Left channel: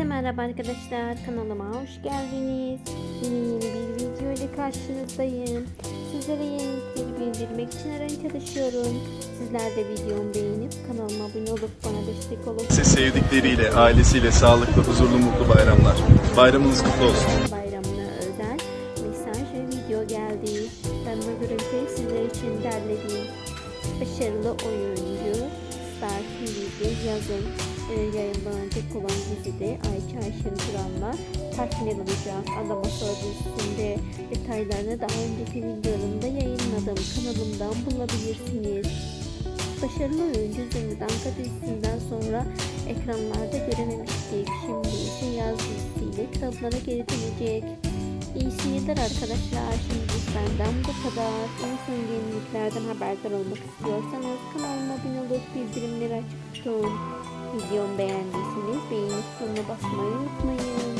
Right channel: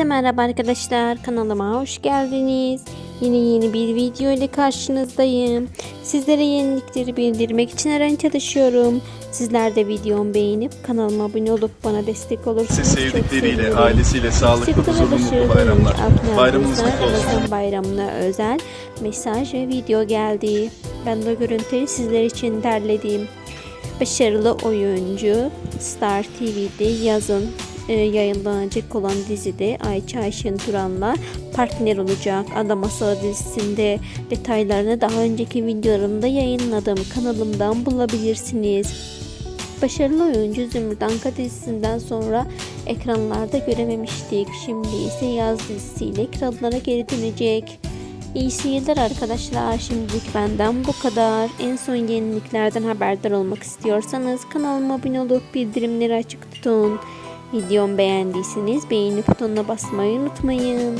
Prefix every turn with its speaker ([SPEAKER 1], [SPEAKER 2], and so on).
[SPEAKER 1] Herkese merhaba arkadaşlar. Kanalıma hoş geldiniz. Yine yeni bir video ile karşınızdayım. Sizlere yenilikleri bildirmek için her an çalışıyorum. Sizler de videomu beğenip kanalıma abone olup bana destek olursanız
[SPEAKER 2] Siz sevdikleriyle, ailesiyle sağlıklı, huzurlu, mutlu bayramlar. Bayramınız
[SPEAKER 1] kutlu olsun. Bayramına özel mesaj ve video geldi. Ben de görüntüleri sizler için derledim. Başarılı oyuncu Star TV'de yazın yayınlanacak olan dizide Ayça Ayşen Turan'la partner olacak. Ada Masalı dizisinde detaylarını daha önceki videolarımda yayınladım. Kanalımdan bulabilirsiniz. Başarılı oyuncu Zümrüt Anka dizisinden sonra ekranlarda görememiştik. Şimdi ise yaz dizisiyle ekranlara geri dönecek. İyi seyirler arkadaşlar. Şimdilik benden bu kadar. En son yeniliklerden haberdar olmak istiyorsanız kanalıma abone olup bildirimleri açık tutun. Videomu beğendiyseniz beğeni butonuna basmayı unutmayın.